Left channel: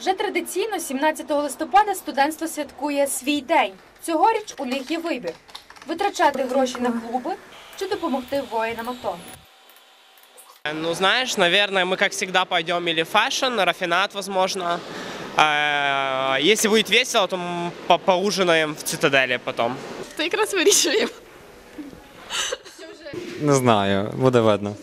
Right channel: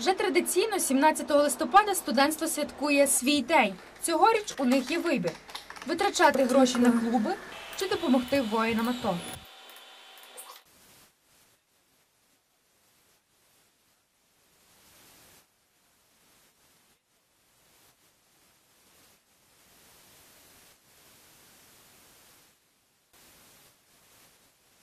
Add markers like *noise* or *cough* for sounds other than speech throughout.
Вже традиційно 17 листопада студентство святкує свій день. Цьогоріч у них є вибір: витрачати гроші на клуби чи допомогти воїнам АТО. Ну, знаешь, наверное, мы, как всегда, пойдем или фэшн, рафинат, возможно. Если будет весело, то по- поужинаем в цитадели потом. То якраз вирішуємо. Не знаю, буде видно.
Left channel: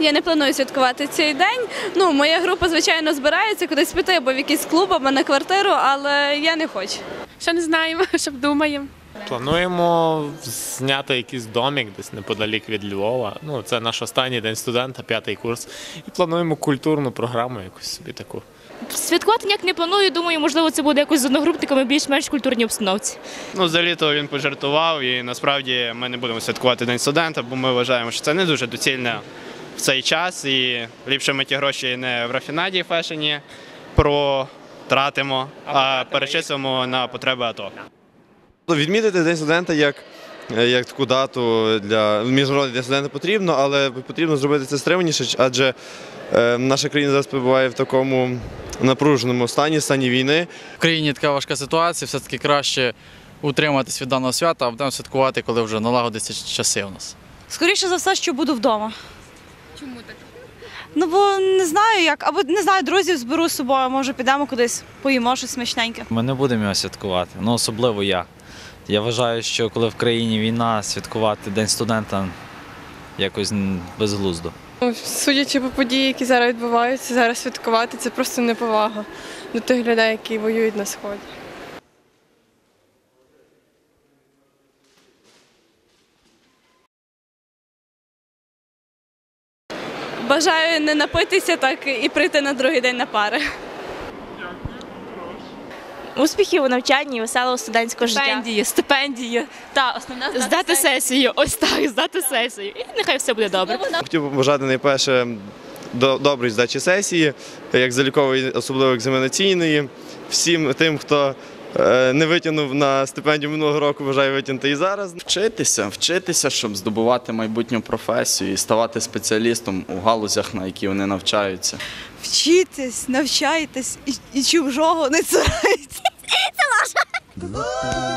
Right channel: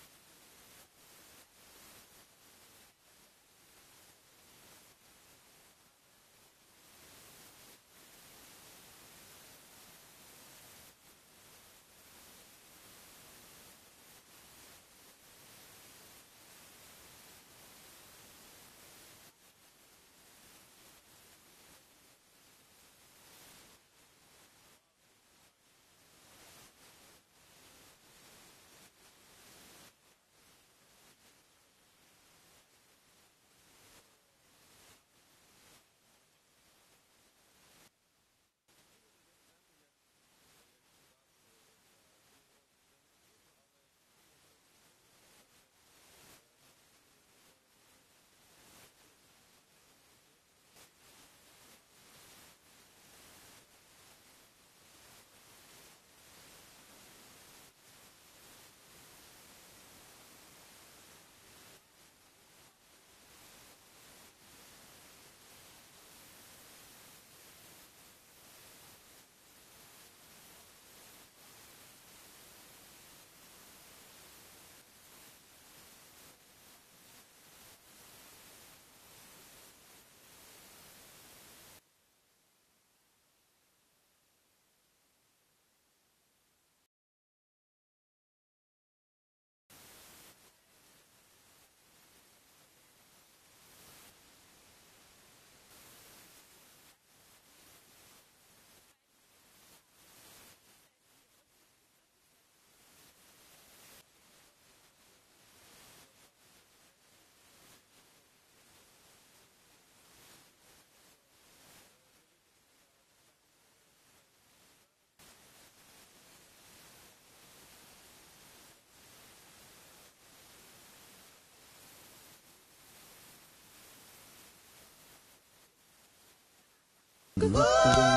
Я не планую святкувати цей день. Ну, моя група, звичайно, збирається кудись піти або в якийсь клуб, або на квартиру, але я не хочу. Ще не знаємо, *laughs* що думаємо. Плануємо зняти якийсь домік десь неподалік від Львова. Ну, це наш останній день студента, п'ятий курс. І плануємо культурну програму якусь собі таку. Святкувати ніяк не планую. Думаю, можливо, це буде якось з одногрупниками в більш-менш культурній обстановці. Ну, взагалі-то він пожартував, і насправді ми не будемо святкувати День студента, бо ми вважаємо, що це не дуже доцільно в цей час. І ліпше ми ті гроші не в рафінаді фешені протратимо, а перечислимо на потреби АТО. Відмітити День студента як, е, як таку дату для міжнародний день студента потрібно, але потрібно зробити це стриманіше, адже е, наша країна зараз перебуває в такому напруженому стані, стані війни. В країні така важка ситуація, все-таки краще утриматись від даного свята, а будемо святкувати, коли вже налагодяться часи у нас. Скоріше за все, що буду вдома. Чому так? Ну бо не знаю як, або не знаю, друзів зберу з собою, може підемо кудись, поїмо щось смачненьке. Ми не будемо його святкувати. Ну, особливо я. Я вважаю, що коли в країні війна, святкувати День студента якось безглуздо. Ну, Судячи по події, які зараз відбуваються, зараз святкувати це просто неповага до тих людей, які воюють на сході. Бажаю не напитися так і прийти на другий день на пари. Успіхів у навчанні, веселого студентського життя. Стипендії, стипендії. Та основна Здати сесію, ось так, здати сесію. І нехай все буде добре. Хотів би побажати найперше до доброї здачі сесії, як залікової, особливо екзаменаційної. Всім тим, хто не витягнув на стипендію минулого року, бажаю витягнути і зараз. Вчитися, вчитися, щоб здобувати майбутню професію і ставати спеціалістом у галузях, на які вони навчаються. Вчитись, навчайтесь і, і чужого не цурайтесь. *laughs* Це Маша.